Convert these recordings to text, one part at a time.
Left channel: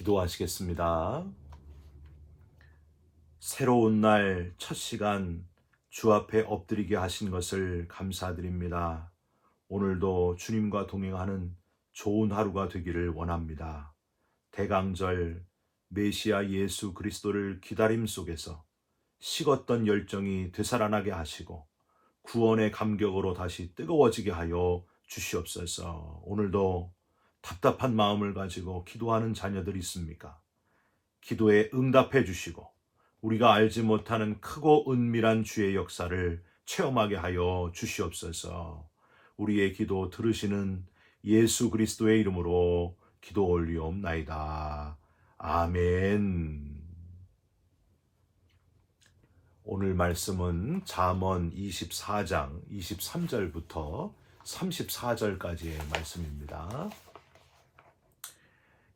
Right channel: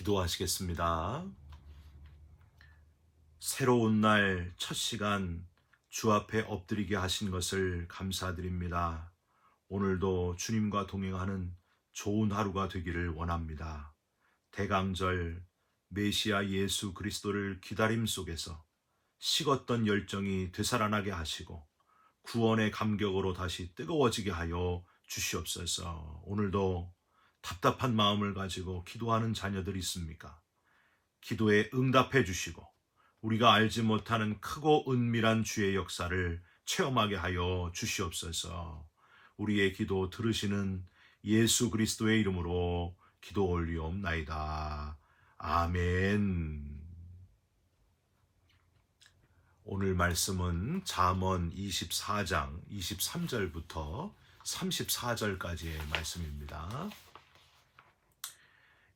기도하시겠습니다. 새로운 날 첫 시간 주 앞에 엎드리게 하신 것을 감사드립니다. 오늘도 주님과 동행하는 좋은 하루가 되기를 원합니다. 대강절 메시아 예수 그리스도를 기다림 속에서 식었던 열정이 되살아나게 하시고 구원의 감격으로 다시 뜨거워지게 하여 주시옵소서. 오늘도 답답한 마음을 가지고 기도하는 자녀들 있습니까? 기도에 응답해 주시고 우리가 알지 못하는 크고 은밀한 주의 역사를 체험하게 하여 주시옵소서. 우리의 기도 들으시는 예수 그리스도의 이름으로 기도 올리옵나이다. 아멘. 오늘 말씀은 잠언 24장 23절부터 34절까지의 말씀입니다.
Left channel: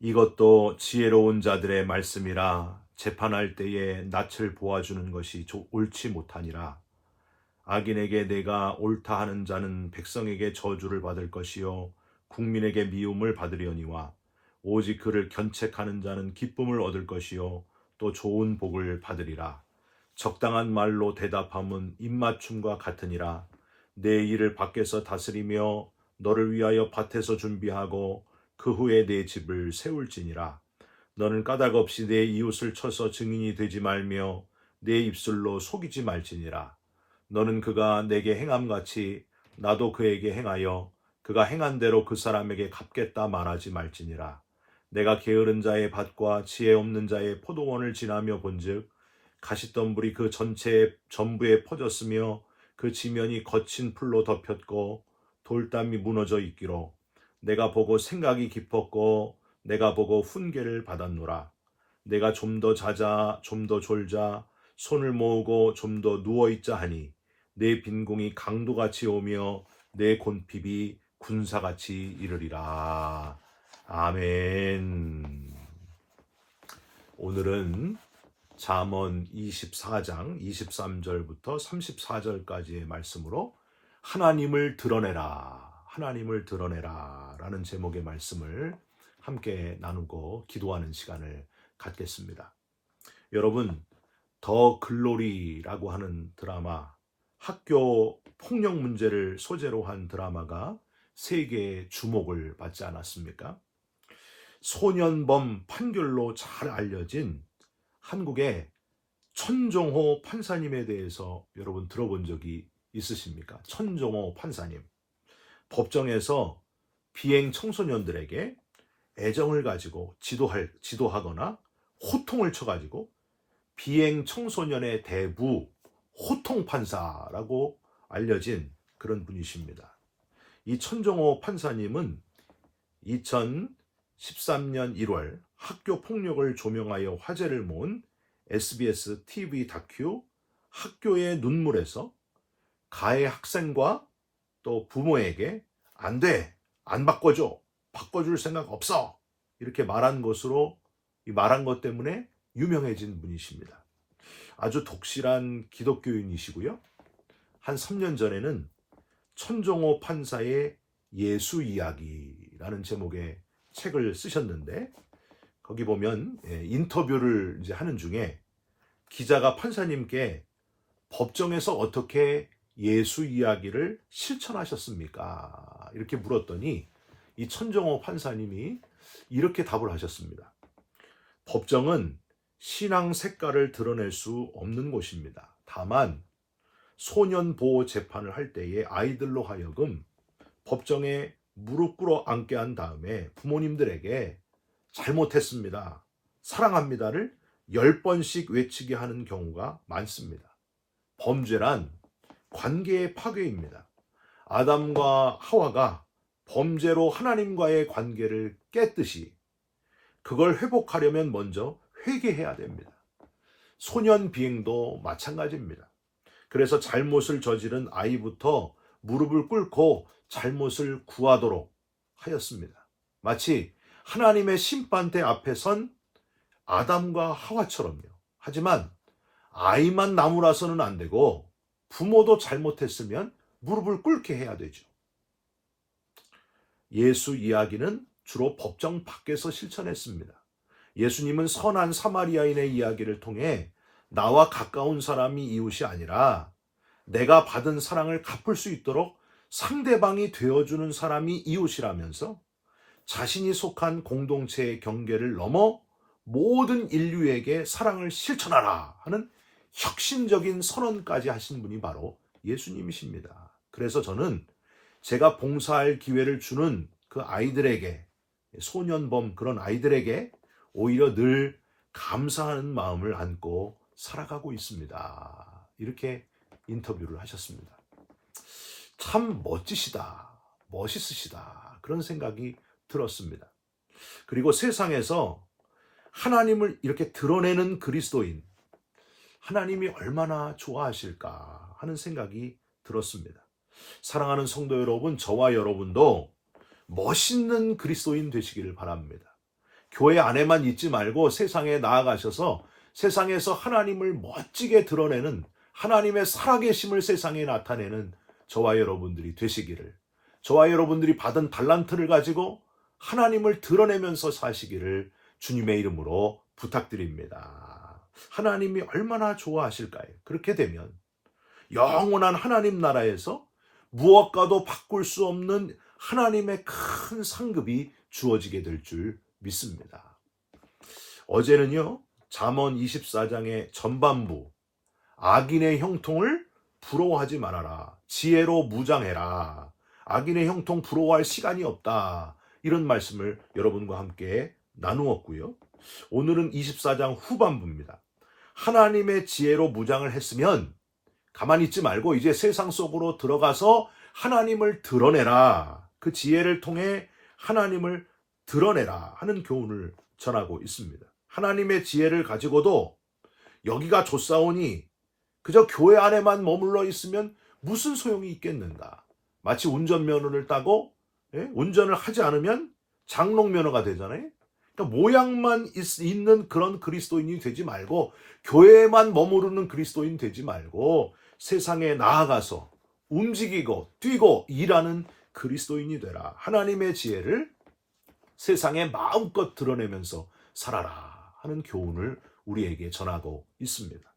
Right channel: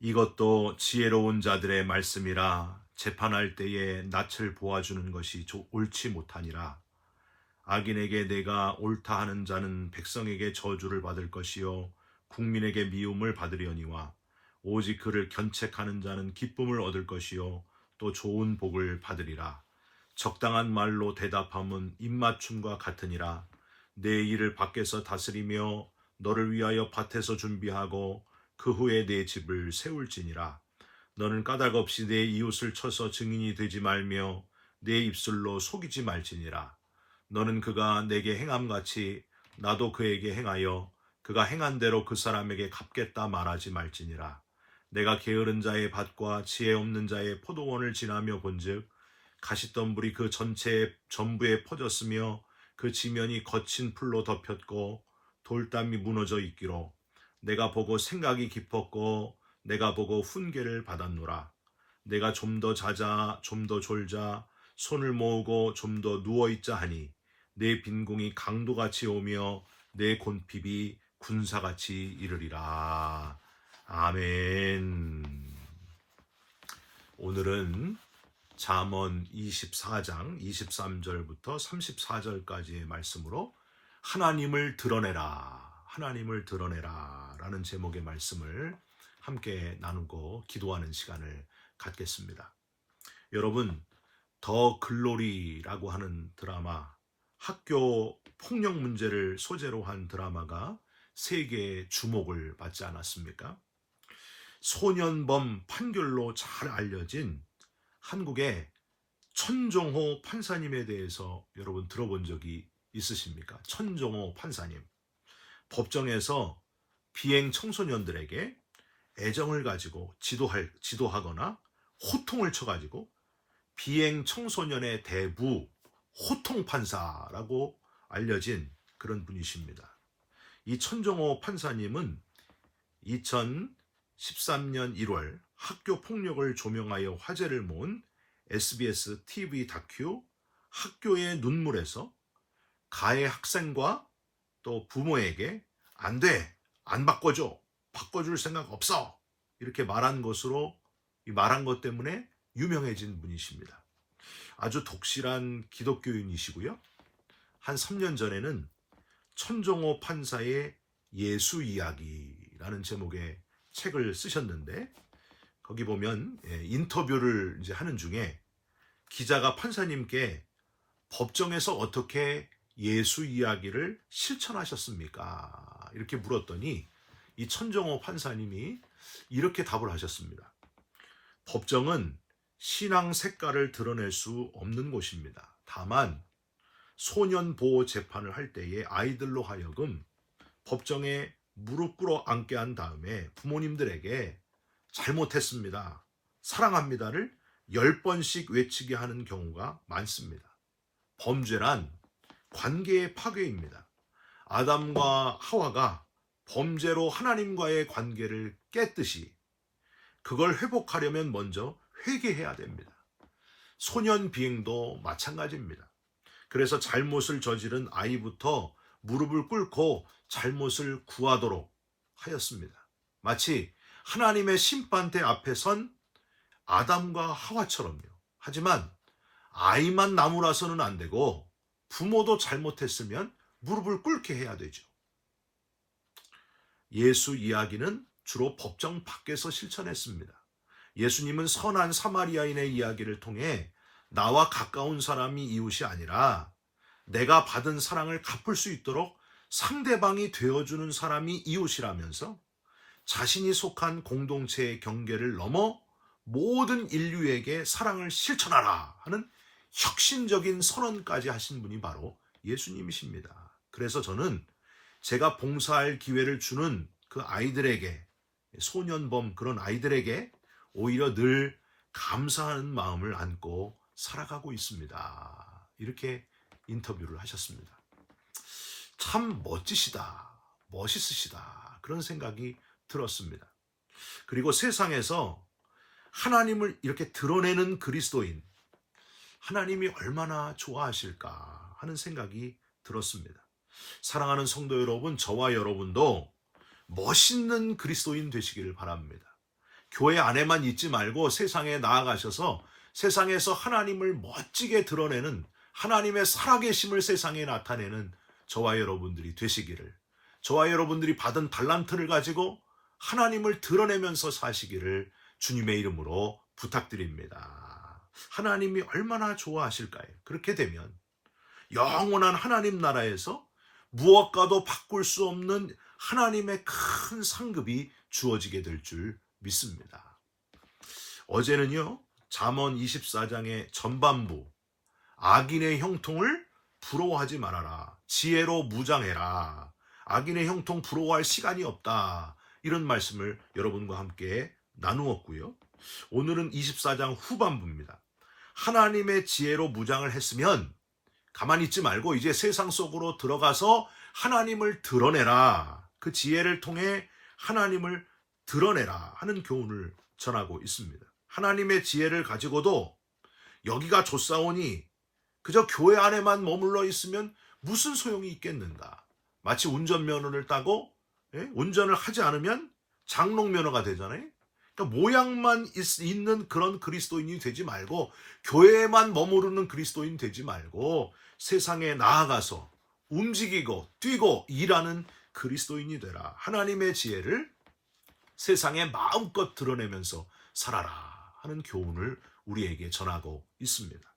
이것도 지혜로운 자들의 말씀이라. 재판할 때에 낯을 보아주는 것이 옳지 못하니라. 악인에게 내가 옳다 하는 자는 백성에게 저주를 받을 것이요 국민에게 미움을 받으려니와 오직 그를 견책하는 자는 기쁨을 얻을 것이요 또 좋은 복을 받으리라. 적당한 말로 대답함은 입맞춤과 같으니라. 내 일을 밖에서 다스리며 너를 위하여 밭에서 준비하고 그 후에 내 집을 세울지니라. 너는 까닭 없이 내 이웃을 쳐서 증인이 되지 말며 내 입술로 속이지 말지니라. 너는 그가 내게 행함같이 나도 그에게 행하여 그가 행한 대로 그 사람에게 갚겠다 말하지 말지니라. 내가 게으른 자의 밭과 지혜 없는 자의 포도원을 지나며 본즉 가시덤불이 그 전부에 퍼졌으며 그 지면이 거친 풀로 덮였고 돌담이 무너져 있기로 내가 보고 생각이 깊었고 내가 보고 훈계를 받았노라. 내가 좀 더 자자 좀 더 졸자 손을 모으고 좀 더 누워있자 하니 내 빈궁이 강도같이 오며 내 곤핍이 군사같이 이르리라. 아멘. 오늘은 잠언 24장 23절부터 34절까지의 말씀으로 하나님을 드러내라, 하나님을 드러내라 라는 제목의 말씀을 함께 나누고 기도하는 시간을 갖겠습니다. 여러분, 더 글로리라고 하는 드라마, 학교 폭력 문제를 소재로 한 드라마가 세계의 주목을 받지 않았습니까? 소년범 판결로 잘 알려진 한국의 천종호 판사님에 대해서 여러분 들어본 적이 있으십니까? 천종호 판사님. 법정에서 비행 청소년들에게 애정을 가지고 지도하거나 호통을 쳐가지고 비행 청소년의 대부 호통 판사라고 알려진 그런 분이십니다. 이 천종호 판사님은 2013년 1월 학교 폭력을 조명하여 화제를 모은 SBS TV 다큐 학교의 눈물에서 가해 학생과 또 부모에게 안 돼, 안 바꿔줘, 바꿔줄 생각 없어 이렇게 말한 것 때문에 유명해진 분이십니다. 아주 독실한 기독교인이시고요. 한 3년 전에는 천종호 판사의 예수 이야기라는 제목의 책을 쓰셨는데 거기 보면 인터뷰를 이제 하는 중에 기자가 판사님께 법정에서 어떻게 예수 이야기를 실천하셨습니까? 이렇게 물었더니 이 천종호 판사님이 이렇게 답을 하셨습니다. 법정은 신앙 색깔을 드러낼 수 없는 곳입니다. 다만 소년 보호 재판을 할 때에 아이들로 하여금 법정에 무릎 꿇어 앉게 한 다음에 부모님들에게 잘못했습니다, 사랑합니다를 10번씩 외치게 하는 경우가 많습니다. 범죄란 관계의 파괴입니다. 아담과 하와가 범죄로 하나님과의 관계를 깼듯이 그걸 회복하려면 먼저 회개해야 됩니다. 소년 비행도 마찬가지입니다. 그래서 잘못을 저지른 아이부터 무릎을 꿇고 잘못을 구하도록 하였습니다. 마치 하나님의 심판대 앞에 선 아담과 하와처럼요. 하지만 아이만 나무라서는 안 되고 부모도 잘못했으면 무릎을 꿇게 해야 되죠. 예수 이야기는 주로 법정 밖에서 실천했습니다. 예수님은 선한 사마리아인의 이야기를 통해 나와 가까운 사람이 이웃이 아니라 내가 받은 사랑을 갚을 수 있도록 상대방이 되어주는 사람이 이웃이라면서 자신이 속한 공동체의 경계를 넘어 모든 인류에게 사랑을 실천하라 하는 혁신적인 선언까지 하신 분이 바로 예수님이십니다. 그래서 저는 제가 봉사할 기회를 주는 그 아이들에게, 소년범 그런 아이들에게 오히려 늘 감사하는 마음을 안고 살아가고 있습니다. 이렇게 인터뷰를 하셨습니다. 참 멋지시다, 멋있으시다, 그런 생각이 들었습니다. 그리고 세상에서 하나님을 이렇게 드러내는 그리스도인, 하나님이 얼마나 좋아하실까 하는 생각이 들었습니다. 사랑하는 성도 여러분, 저와 여러분도 멋있는 그리스도인 되시기를 바랍니다. 교회 안에만 있지 말고 세상에 나아가셔서 세상에서 하나님을 멋지게 드러내는, 하나님의 살아계심을 세상에 나타내는 저와 여러분들이 되시기를, 저와 여러분들이 받은 달란트를 가지고 하나님을 드러내면서 사시기를 주님의 이름으로 부탁드립니다. 하나님이 얼마나 좋아하실까요? 그렇게 되면 영원한 하나님 나라에서 무엇과도 바꿀 수 없는 하나님의 큰 상급이 주어지게 될 줄 믿습니다. 어제는요, 잠언 24장의 전반부, 악인의 형통을 부러워하지 말아라, 지혜로 무장해라, 악인의 형통 부러워할 시간이 없다, 이런 말씀을 여러분과 함께 나누었고요. 오늘은 24장 후반부입니다. 하나님의 지혜로 무장을 했으면 가만히 있지 말고 이제 세상 속으로 들어가서 하나님을 드러내라, 그 지혜를 통해 하나님을 드러내라 하는 교훈을 전하고 있습니다. 하나님의 지혜를 가지고도 여기가 좋사오니 그저 교회 안에만 머물러 있으면 무슨 소용이 있겠는가. 마치 운전면허를 따고 운전을 하지 않으면 장롱면허가 되잖아요. 그러니까 모양만 있는 그런 그리스도인이 되지 말고, 교회에만 머무르는 그리스도인 되지 말고 세상에 나아가서 움직이고 뛰고 일하는 그리스도인이 되라. 하나님의 지혜를 세상에 마음껏 드러내면서 살아라 하는 교훈을 우리에게 전하고 있습니다.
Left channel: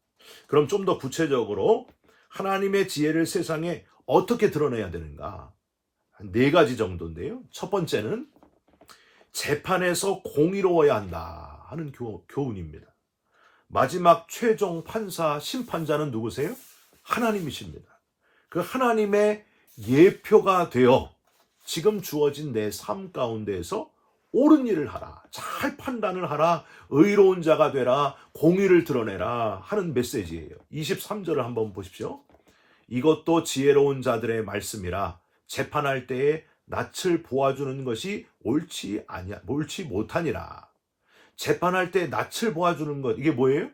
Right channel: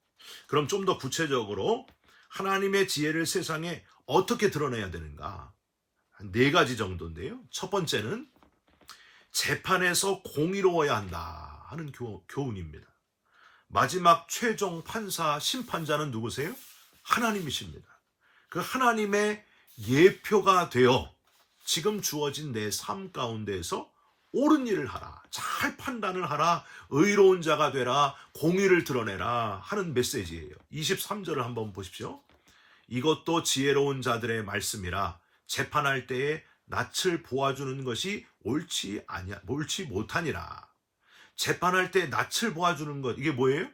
그럼 좀 더 구체적으로 하나님의 지혜를 세상에 어떻게 드러내야 되는가? 한 4가지 정도인데요. 첫 번째는 재판에서 공의로워야 한다 하는 교훈입니다. 마지막 최종 판사, 심판자는 누구세요? 하나님이십니다. 그 하나님의 예표가 되어 지금 주어진 내 삶 가운데에서 옳은 일을 하라, 잘 판단을 하라, 의로운 자가 되라, 공의를 드러내라 하는 메시지예요. 23절을 한번 보십시오. 이것도 지혜로운 자들의 말씀이라, 재판할 때에 낯을 보아주는 것이 옳지 못하니라. 재판할 때 낯을 보아주는 것, 이게 뭐예요?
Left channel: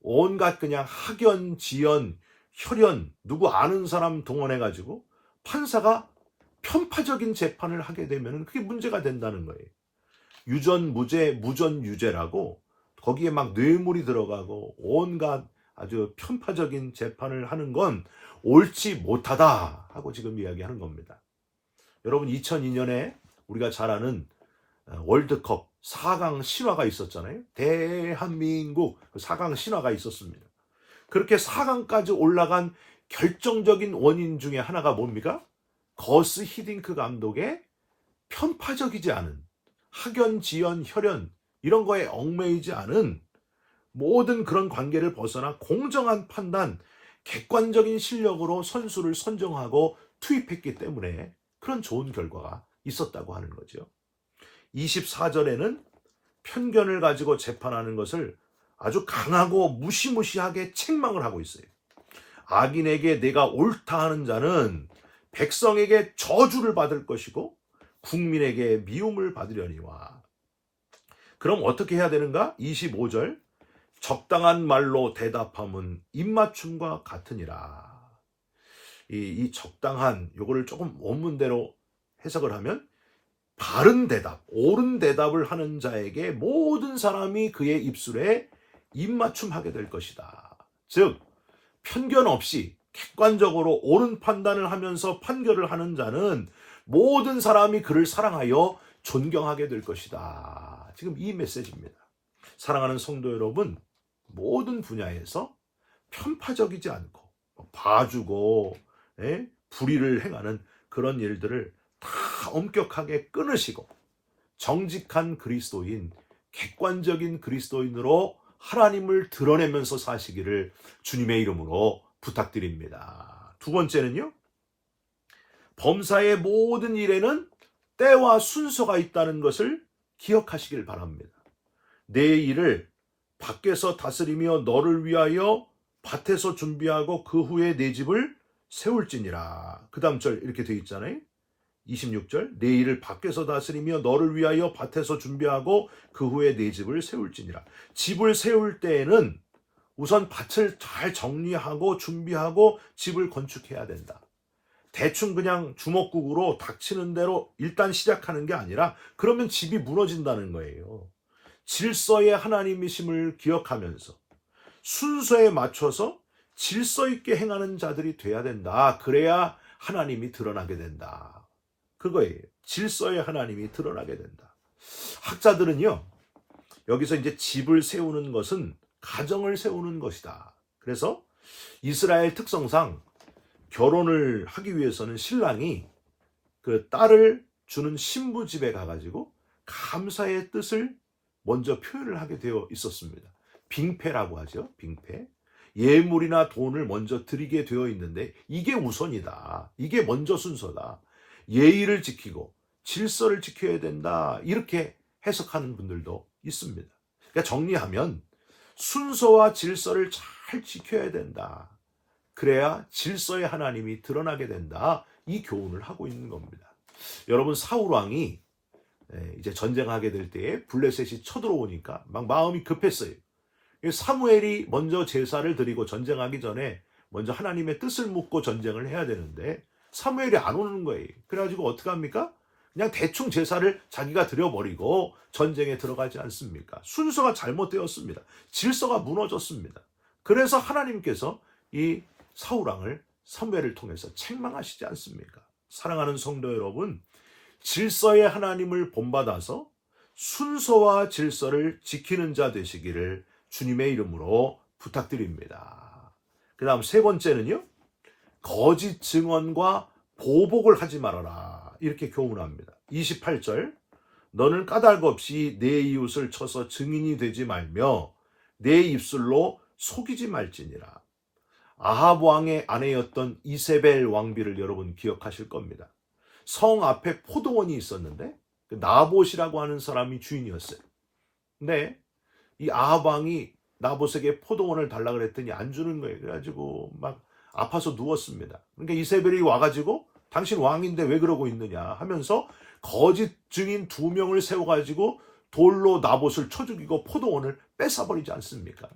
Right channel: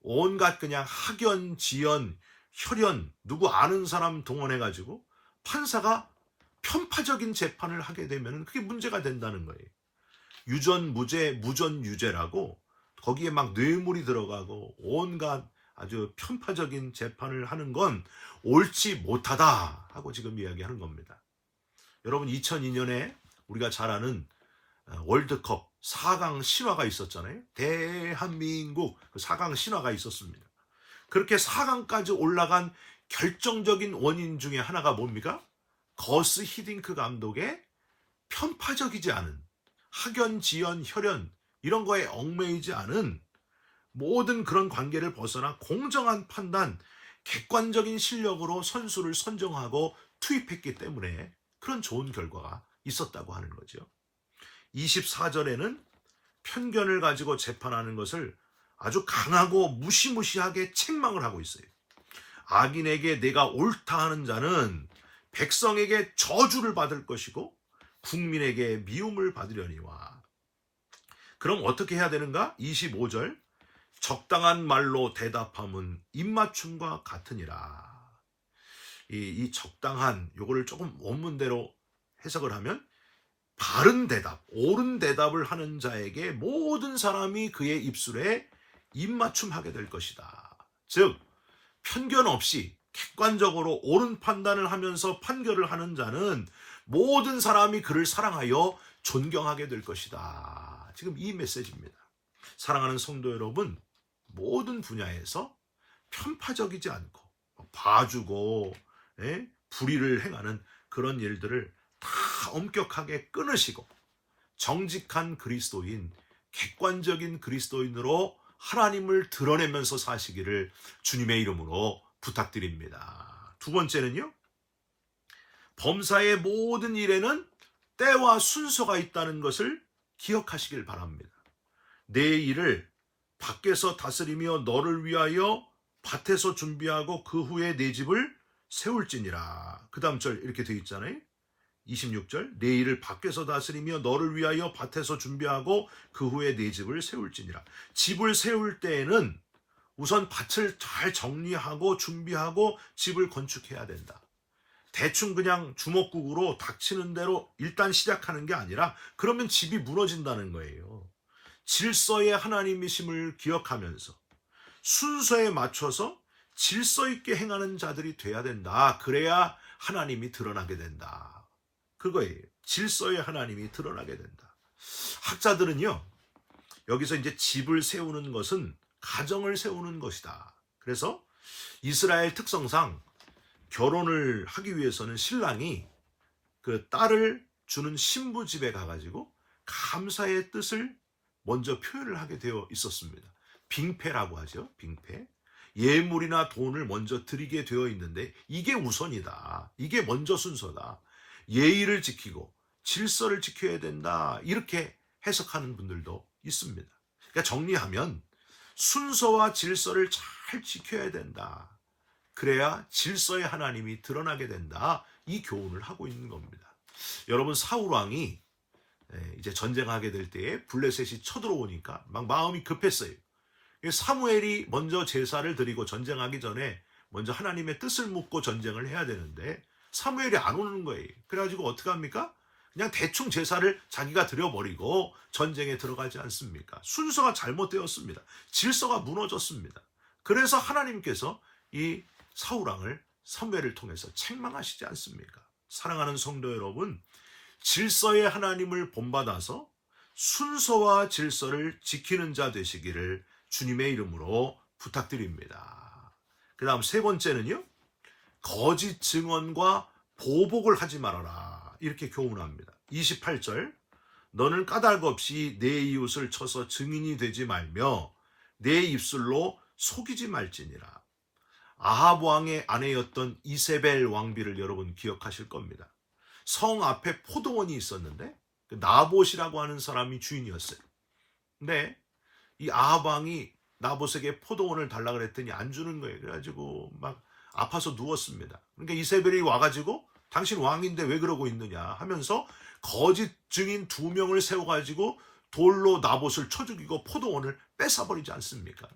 온갖 그냥 학연, 지연, 혈연, 누구 아는 사람 동원해가지고 판사가 편파적인 재판을 하게 되면 그게 문제가 된다는 거예요. 유전무죄, 무전유죄라고 거기에 막 뇌물이 들어가고 온갖 아주 편파적인 재판을 하는 건 옳지 못하다 하고 지금 이야기하는 겁니다. 여러분, 2002년에 우리가 잘 아는 월드컵 4강 신화가 있었잖아요. 대한민국 4강 신화가 있었습니다. 그렇게 4강까지 올라간 결정적인 원인 중에 하나가 뭡니까? 거스 히딩크 감독의 편파적이지 않은, 학연, 지연, 혈연 이런 거에 얽매이지 않은 모든 그런 관계를 벗어나 공정한 판단, 객관적인 실력으로 선수를 선정하고 투입했기 때문에 그런 좋은 결과가 있었다고 하는 거죠. 24절에는 편견을 가지고 재판하는 것을 아주 강하고 무시무시하게 책망을 하고 있어요. 악인에게 내가 옳다 하는 자는 백성에게 저주를 받을 것이고 국민에게 미움을 받으려니와. 그럼 어떻게 해야 되는가? 25절, 적당한 말로 대답함은 입맞춤과 같으니라. 이 적당한, 요거를 조금 원문대로 해석을 하면 바른 대답, 옳은 대답을 하는 자에게 모든 사람이 그의 입술에 입맞춤하게 될 것이다. 즉, 편견 없이 객관적으로 옳은 판단을 하면서 판결을 하는 자는 모든 사람이 그를 사랑하여 존경하게 될 것이다. 지금 이 메시지입니다. 사랑하는 성도 여러분, 모든 분야에서 편파적이지 않고 봐주고 불의를 행하는 그런 일들을 다 엄격하게 끊으시고 정직한 그리스도인, 객관적인 그리스도인으로 하나님을 드러내면서 사시기를 주님의 이름으로 부탁드립니다. 두 번째는요, 범사의 모든 일에는 때와 순서가 있다는 것을 기억하시길 바랍니다. 내 일을 밖에서 다스리며 너를 위하여 밭에서 준비하고 그 후에 내 집을 세울지니라. 그 다음 절 이렇게 되어 있잖아요. 26절, 내 일을 밖에서 다스리며 너를 위하여 밭에서 준비하고 그 후에 내 집을 세울지니라. 집을 세울 때에는 우선 밭을 잘 정리하고 준비하고 집을 건축해야 된다. 대충 그냥 주먹구구로 닥치는 대로 일단 시작하는 게 아니라 그러면 집이 무너진다는 거예요. 질서의 하나님이심을 기억하면서 순서에 맞춰서 질서 있게 행하는 자들이 돼야 된다. 그래야 하나님이 드러나게 된다. 그거예요. 질서의 하나님이 드러나게 된다. 학자들은요, 여기서 이제 집을 세우는 것은 가정을 세우는 것이다. 그래서 이스라엘 특성상 결혼을 하기 위해서는 신랑이 그 딸을 주는 신부 집에 가가지고 감사의 뜻을 먼저 표현을 하게 되어 있었습니다. 빙패라고 하죠. 빙패. 예물이나 돈을 먼저 드리게 되어 있는데 이게 우선이다. 이게 먼저 순서다. 예의를 지키고 질서를 지켜야 된다. 이렇게 해석하는 분들도 있습니다. 그러니까 정리하면 순서와 질서를 잘 지켜야 된다. 그래야 질서의 하나님이 드러나게 된다. 이 교훈을 하고 있는 겁니다. 여러분, 사울 왕이 이제 전쟁하게 될 때에 블레셋이 쳐들어오니까 막 마음이 급했어요. 사무엘이 먼저 제사를 드리고 전쟁하기 전에 먼저 하나님의 뜻을 묻고 전쟁을 해야 되는데 사무엘이 안 오는 거예요. 그래가지고 어떻게 합니까? 그냥 대충 제사를 자기가 드려버리고 전쟁에 들어가지 않습니까? 순서가 잘못되었습니다. 질서가 무너졌습니다. 그래서 하나님께서 이 사울왕을 사무엘을 통해서 책망하시지 않습니까? 사랑하는 성도 여러분, 질서의 하나님을 본받아서 순서와 질서를 지키는 자 되시기를 주님의 이름으로 부탁드립니다. 그 다음 세 번째는요, 거짓 증언과 보복을 하지 말아라. 이렇게 교훈합니다. 28절, 너는 까닭 없이 내 이웃을 쳐서 증인이 되지 말며 내 입술로 속이지 말지니라. 아합 왕의 아내였던 이세벨 왕비를 여러분 기억하실 겁니다. 성 앞에 포도원이 있었는데 그 나봇이라고 하는 사람이 주인이었어요. 근데 이 아합 왕이 나봇에게 포도원을 달라 그랬더니 안 주는 거예요. 그래가지고 막 아파서 누웠습니다. 그러니까 이세벨이 와가지고 당신 왕인데 왜 그러고 있느냐 하면서 거짓 증인 2명을 세워가지고 돌로 나봇을 쳐 죽이고 포도원을 뺏어버리지 않습니까?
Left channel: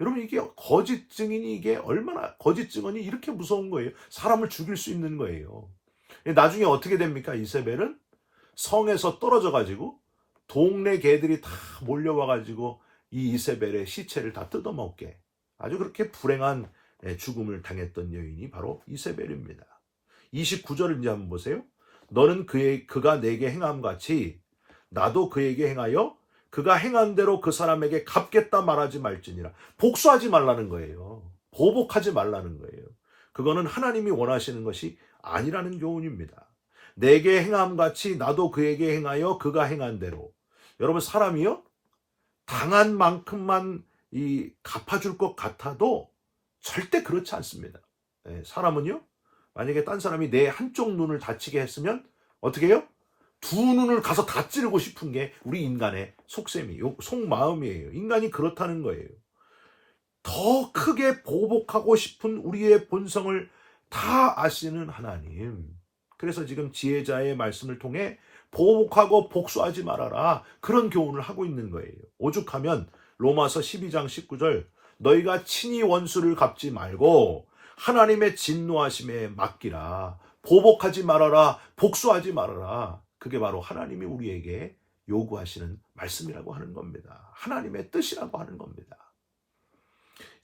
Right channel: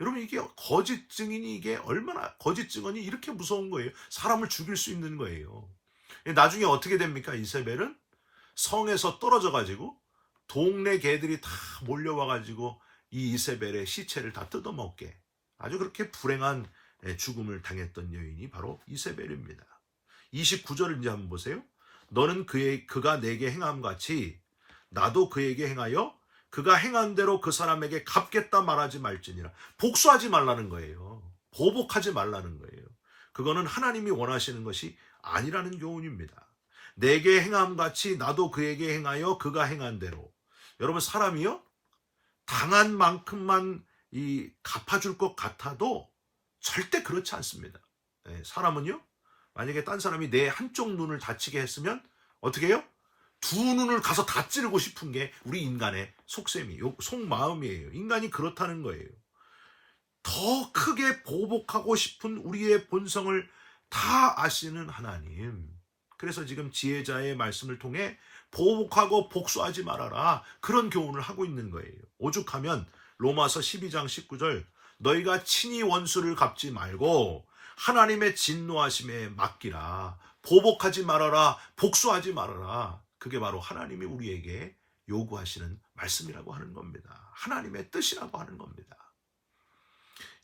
여러분, 이게 거짓 증인이 이게 얼마나 거짓 증언이 이렇게 무서운 거예요. 사람을 죽일 수 있는 거예요. 나중에 어떻게 됩니까? 이세벨은 성에서 떨어져 가지고 동네 개들이 다 몰려와 가지고 이 이세벨의 시체를 다 뜯어먹게 아주 그렇게 불행한 죽음을 당했던 여인이 바로 이세벨입니다. 29절을 이제 한번 보세요. 너는 그가 내게 행함 같이 나도 그에게 행하여 그가 행한 대로 그 사람에게 갚겠다 말하지 말지니라. 복수하지 말라는 거예요. 보복하지 말라는 거예요. 그거는 하나님이 원하시는 것이 아니라는 교훈입니다. 내게 행함 같이 나도 그에게 행하여 그가 행한 대로. 여러분, 사람이요, 당한 만큼만 갚아줄 것 같아도 절대 그렇지 않습니다. 사람은요, 만약에 딴 사람이 내 한쪽 눈을 다치게 했으면 어떻게 해요? 2눈을 가서 다 찌르고 싶은 게 우리 인간의 속셈이에요. 속마음이에요. 인간이 그렇다는 거예요. 더 크게 보복하고 싶은 우리의 본성을 다 아시는 하나님. 그래서 지금 지혜자의 말씀을 통해 보복하고 복수하지 말아라. 그런 교훈을 하고 있는 거예요. 오죽하면 로마서 12장 19절, 너희가 친히 원수를 갚지 말고 하나님의 진노하심에 맡기라. 보복하지 말아라. 복수하지 말아라. 그게 바로 하나님이 우리에게 요구하시는 말씀이라고 하는 겁니다. 하나님의 뜻이라고 하는 겁니다.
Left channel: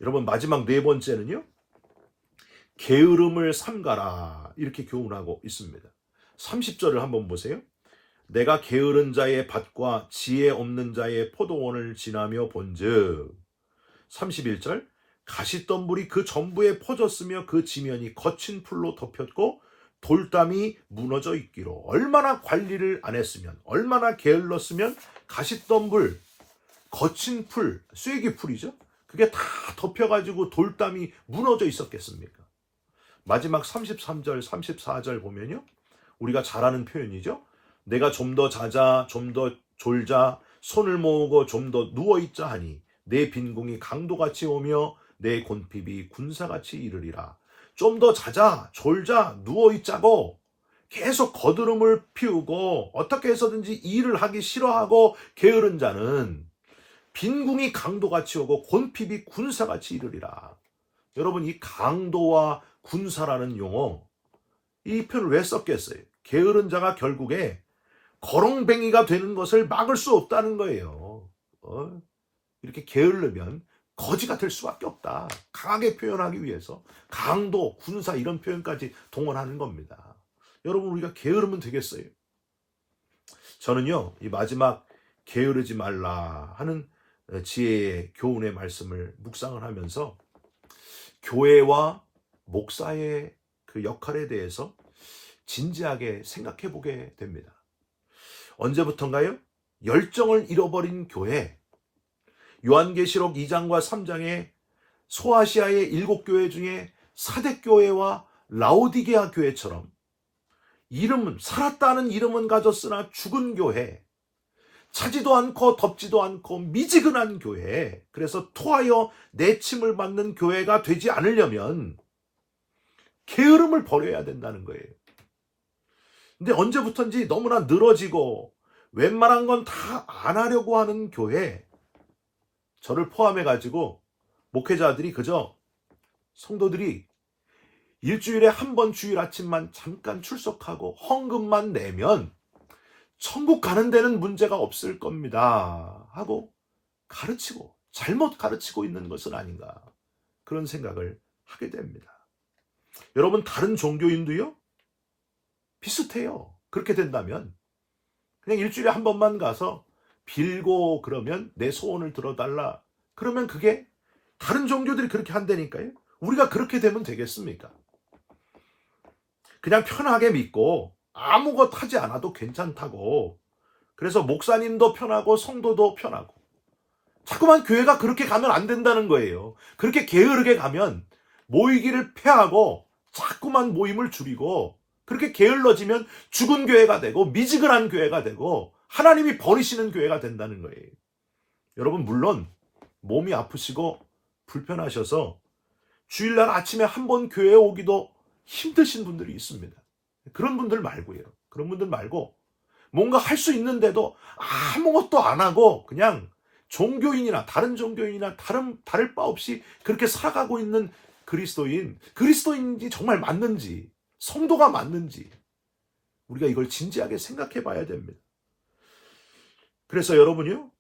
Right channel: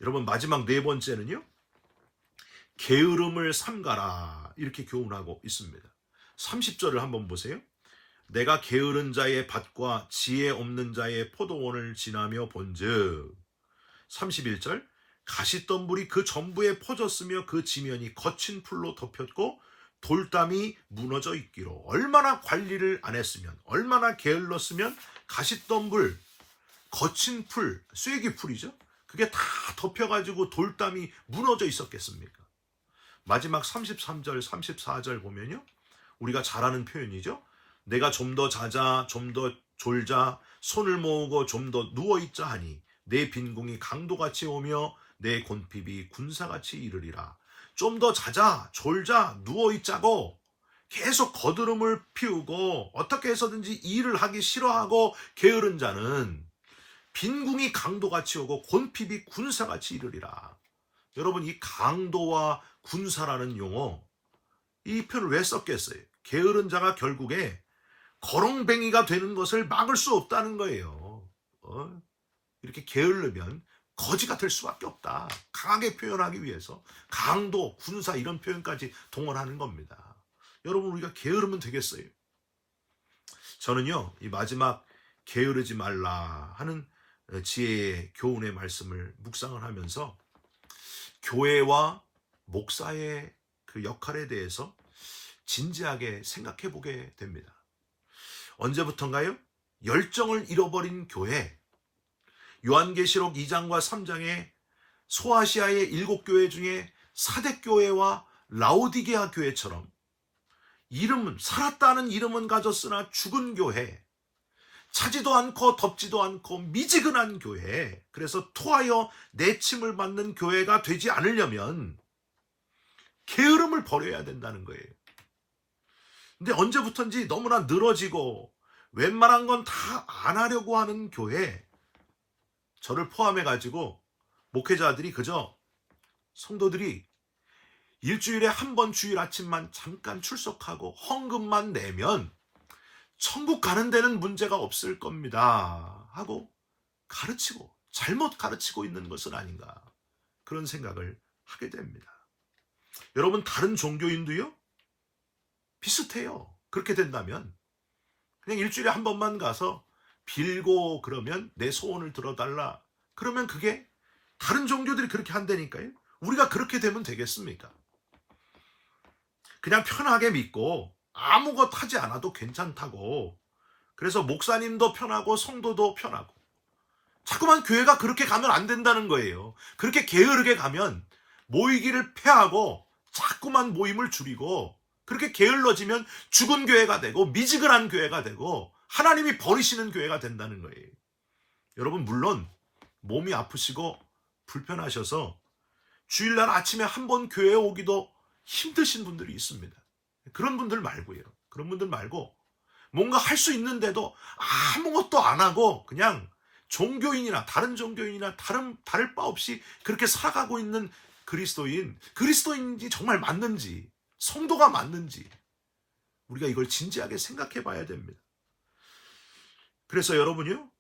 여러분, 마지막 네 번째는요, 게으름을 삼가라. 이렇게 교훈하고 있습니다. 30절을 한번 보세요. 내가 게으른 자의 밭과 지혜 없는 자의 포도원을 지나며 본즉 31절 가시덤불이 그 전부에 퍼졌으며 그 지면이 거친 풀로 덮였고 돌담이 무너져 있기로. 얼마나 관리를 안 했으면, 얼마나 게을렀으면 가시덤불, 거친 풀, 쐐기 풀이죠, 그게 다 덮여가지고 돌담이 무너져 있었겠습니까? 마지막 33절 34절 보면요, 우리가 잘 아는 표현이죠. 내가 좀 더 자자, 좀 더 졸자, 손을 모으고 좀 더 누워있자 하니 내 빈궁이 강도같이 오며 내 곤핍이 군사같이 이르리라. 좀 더 자자, 졸자, 누워있자고 계속 거드름을 피우고 어떻게 해서든지 일을 하기 싫어하고 게으른 자는 빈궁이 강도같이 오고 곤핍이 군사같이 이르리라. 여러분, 이 강도와 군사라는 용어, 이 표현을 왜 썼겠어요? 게으른 자가 결국에 거렁뱅이가 되는 것을 막을 수 없다는 거예요. 이렇게 게으르면 거지가 될 수밖에 없다. 강하게 표현하기 위해서 강도, 군사 이런 표현까지 동원하는 겁니다. 여러분, 우리가 게으르면 되겠어요? 저는요, 이 마지막 게으르지 말라 하는 지혜의 교훈의 말씀을 묵상을 하면서 교회와 목사의 그 역할에 대해서 진지하게 생각해 보게 됩니다. 언제부턴가요? 열정을 잃어버린 교회, 요한계시록 2장과 3장의 소아시아의 7교회 중에 사대교회와 라오디게아 교회처럼 이름은, 살았다는 이름은 가졌으나 죽은 교회, 차지도 않고 덥지도 않고 미지근한 교회, 그래서 토하여 내침을 받는 교회가 되지 않으려면 게으름을 버려야 된다는 거예요. 근데 언제부턴지 너무나 늘어지고 웬만한 건 다 안 하려고 하는 교회, 저를 포함해가지고 목회자들이 그저 성도들이 일주일에 한 번 주일 아침만 잠깐 출석하고 헌금만 내면 천국 가는 데는 문제가 없을 겁니다 하고 가르치고, 잘못 가르치고 있는 것은 아닌가, 그런 생각을 하게 됩니다. 여러분, 다른 종교인도요 비슷해요. 그렇게 된다면 그냥 일주일에 한 번만 가서 빌고 그러면 내 소원을 들어달라, 그러면 그게 다른 종교들이 그렇게 한다니까요. 우리가 그렇게 되면 되겠습니까? 그냥 편하게 믿고 아무것도 하지 않아도 괜찮다고, 그래서 목사님도 편하고 성도도 편하고, 자꾸만 교회가 그렇게 가면 안 된다는 거예요. 그렇게 게으르게 가면 모이기를 패하고 자꾸만 모임을 줄이고, 그렇게 게을러지면 죽은 교회가 되고 미지근한 교회가 되고 하나님이 버리시는 교회가 된다는 거예요. 여러분, 물론 몸이 아프시고 불편하셔서 주일날 아침에 한 번 교회에 오기도 힘드신 분들이 있습니다. 그런 분들 말고요. 그런 분들 말고 뭔가 할 수 있는데도 아무것도 안 하고 그냥 종교인이나 다른 종교인이나 다를 바 없이 그렇게 살아가고 있는 그리스도인인지 정말 맞는지, 성도가 맞는지 우리가 이걸 진지하게 생각해 봐야 됩니다. 그래서 여러분요,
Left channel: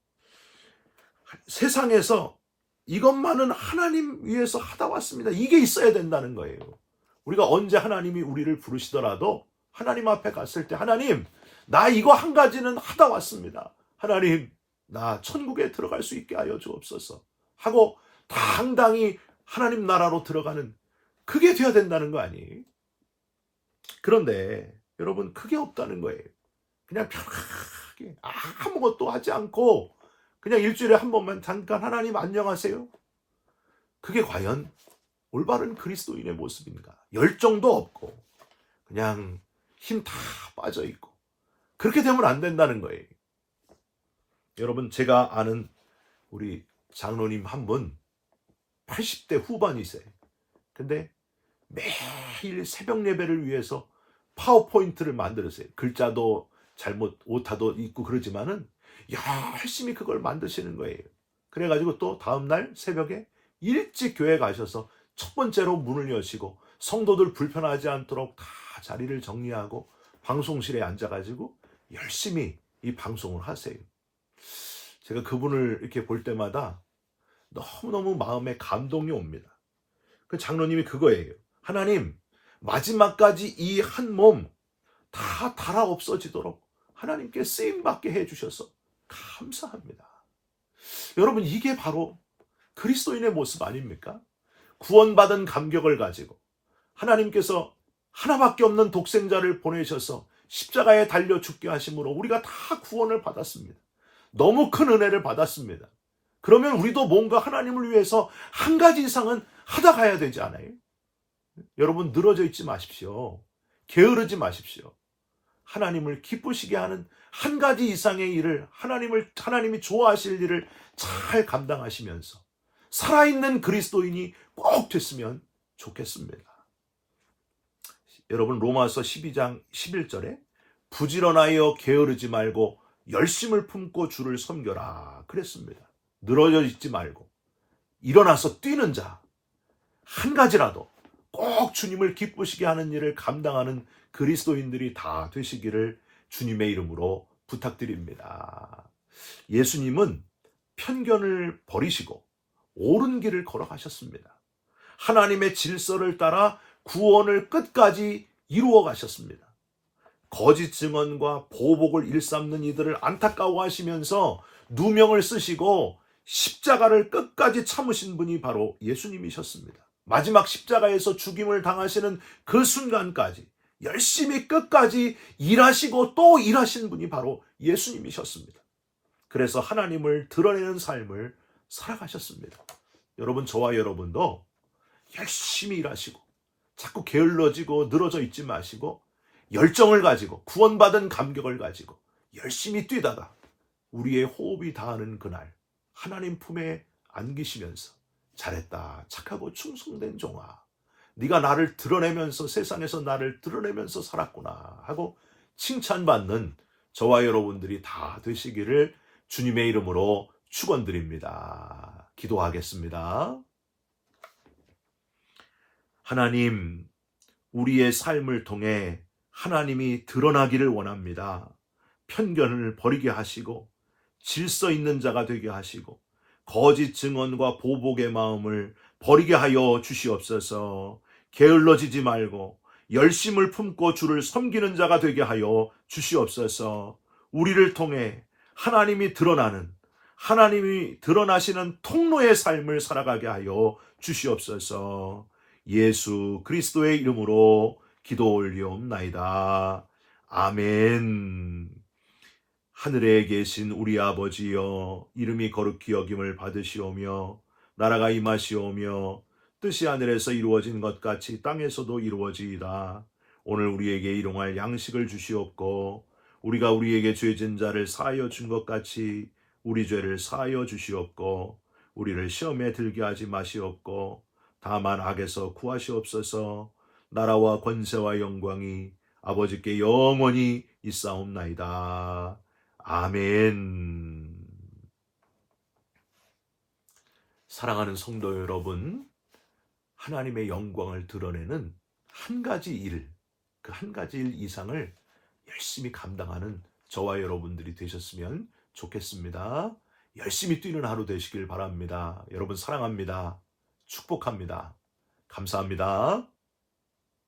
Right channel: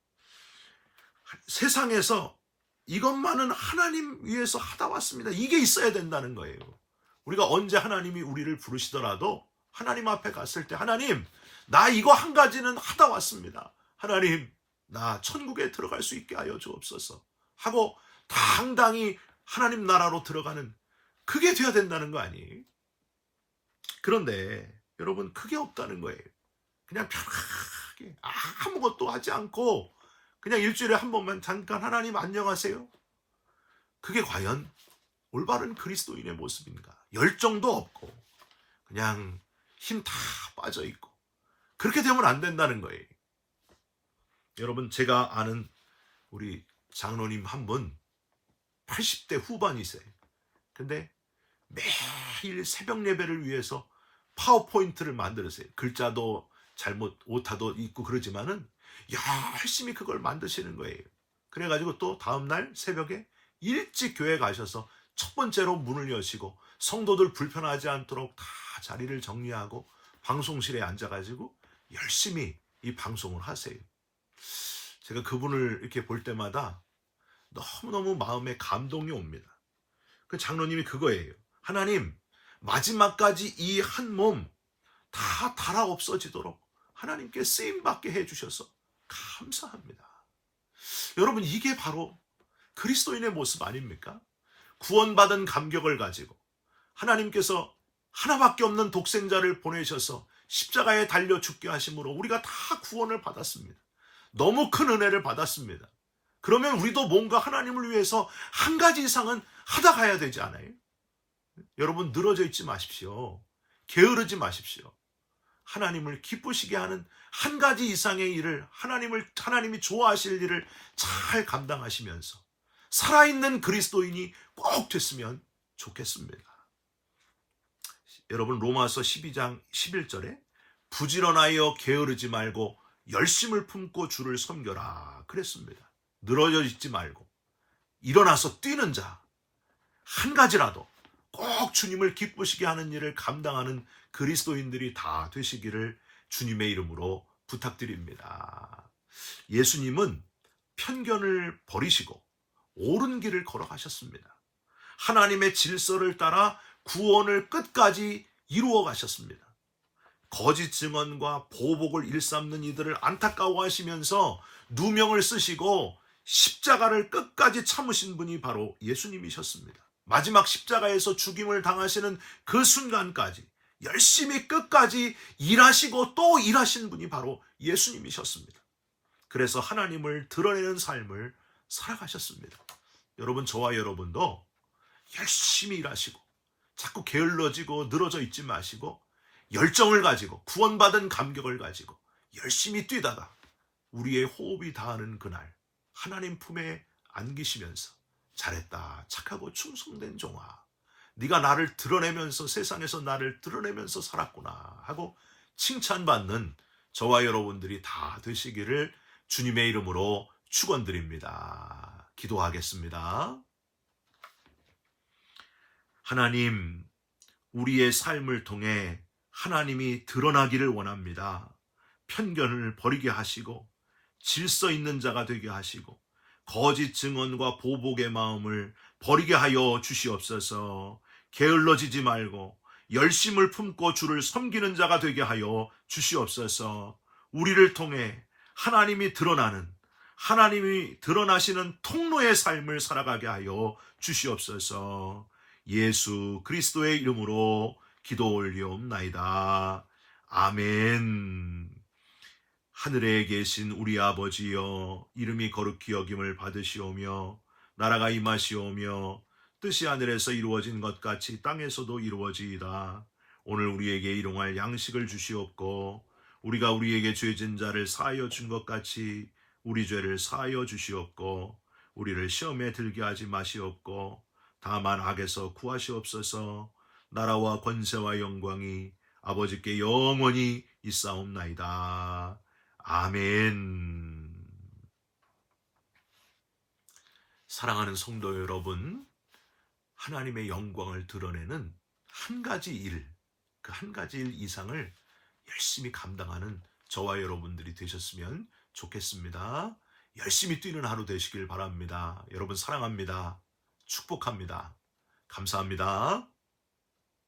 세상에서 이것만은 하나님 위해서 하다 왔습니다, 이게 있어야 된다는 거예요. 우리가 언제 하나님이 우리를 부르시더라도 하나님 앞에 갔을 때, 하나님, 나 이거 한 가지는 하다 왔습니다, 하나님, 나 천국에 들어갈 수 있게 하여 주옵소서 하고 당당히 하나님 나라로 들어가는, 그게 돼야 된다는 거 아니에요? 그런데 여러분, 그게 없다는 거예요. 그냥 편하게 아무것도 하지 않고 그냥 일주일에 한 번만 잠깐 하나님 안녕하세요, 그게 과연 올바른 그리스도인의 모습인가? 열정도 없고 그냥 힘 다 빠져있고, 그렇게 되면 안 된다는 거예요. 여러분, 제가 아는 우리 장로님 한 분 80대 후반이세요. 근데 매일 새벽 예배를 위해서 파워포인트를 만들었어요. 글자도 잘못 오타도 있고 그러지만은 열심히 그걸 만드시는 거예요. 그래가지고 또 다음날 새벽에 일찍 교회 가셔서 첫 번째로 문을 여시고 성도들 불편하지 않도록 다 자리를 정리하고 방송실에 앉아가지고 열심히 이 방송을 하세요. 제가 그분을 이렇게 볼 때마다 너무너무 마음에 감동이 옵니다. 그 장로님이 그거예요. 하나님, 마지막까지 이 한 몸 다 달아 없어지도록 하나님께 쓰임받게 해주셔서 감사합니다. 여러분, 이게 바로 그리스도인의 모습 아닙니까? 구원받은 감격을 가지고 하나님께서 하나밖에 없는 독생자를 보내셔서 십자가에 달려 죽게 하심으로 우리가 다 구원을 받았습니다. 너무 큰 은혜를 받았습니다. 그러면 우리도 뭔가 하나님을 위해서 한 가지 이상은 하다 가야 되지 않아요? 여러분, 늘어져 있지 마십시오. 게으르지 마십시오. 하나님을 기쁘시게 하는 한 가지 이상의 일을, 하나님이 좋아하실 일을 잘 감당하시면서 살아있는 그리스도인이 꼭 됐으면 좋겠습니다. 여러분, 로마서 12장 11절에 부지런하여 게으르지 말고 열심을 품고 주를 섬겨라 그랬습니다. 늘어져 있지 말고 일어나서 뛰는 자, 한 가지라도 꼭 주님을 기쁘시게 하는 일을 감당하는 그리스도인들이 다 되시기를 주님의 이름으로 부탁드립니다. 예수님은 편견을 버리시고 옳은 길을 걸어가셨습니다. 하나님의 질서를 따라 구원을 끝까지 이루어 가셨습니다. 거짓 증언과 보복을 일삼는 이들을 안타까워하시면서 누명을 쓰시고 십자가를 끝까지 참으신 분이 바로 예수님이셨습니다. 마지막 십자가에서 죽임을 당하시는 그 순간까지 열심히 끝까지 일하시고 또 일하신 분이 바로 예수님이셨습니다. 그래서 하나님을 드러내는 삶을 살아가셨습니다. 여러분, 저와 여러분도 열심히 일하시고 자꾸 게을러지고 늘어져 있지 마시고 열정을 가지고 구원받은 감격을 가지고 열심히 뛰다가 우리의 호흡이 다하는 그날 하나님 품에 안기시면서 잘했다, 착하고 충성된 종아, 네가 나를 드러내면서 세상에서 나를 드러내면서 살았구나 하고 칭찬받는 저와 여러분들이 다 되시기를 주님의 이름으로 축원드립니다. 기도하겠습니다. 하나님, 우리의 삶을 통해 하나님이 드러나기를 원합니다. 편견을 버리게 하시고 질서 있는 자가 되게 하시고 거짓 증언과 보복의 마음을 버리게 하여 주시옵소서. 게을러지지 말고 열심을 품고 주를 섬기는 자가 되게 하여 주시옵소서. 우리를 통해 하나님이 드러나시는 통로의 삶을 살아가게 하여 주시옵소서. 예수 그리스도의 이름으로 기도 올리옵나이다. 아멘. 하늘에 계신 우리 아버지여, 이름이 거룩히 여김을 받으시오며 나라가 임하시오며 뜻이 하늘에서 이루어진 것 같이 땅에서도 이루어지이다. 오늘 우리에게 일용할 양식을 주시옵고 우리가 우리에게 죄진 자를 사하여 준 것 같이 우리 죄를 사하여 주시옵고 우리를 시험에 들게 하지 마시옵고 다만 악에서 구하시옵소서. 나라와 권세와 영광이 아버지께 영원히 있사옵나이다. 아멘. 사랑하는 성도 여러분, 하나님의 영광을 드러내는 한 가지 일, 그 한 가지 일 이상을 열심히 감당하는 저와 여러분들이 되셨으면 좋겠습니다. 열심히 뛰는 하루 되시길 바랍니다. 여러분 사랑합니다. 축복합니다. 감사합니다.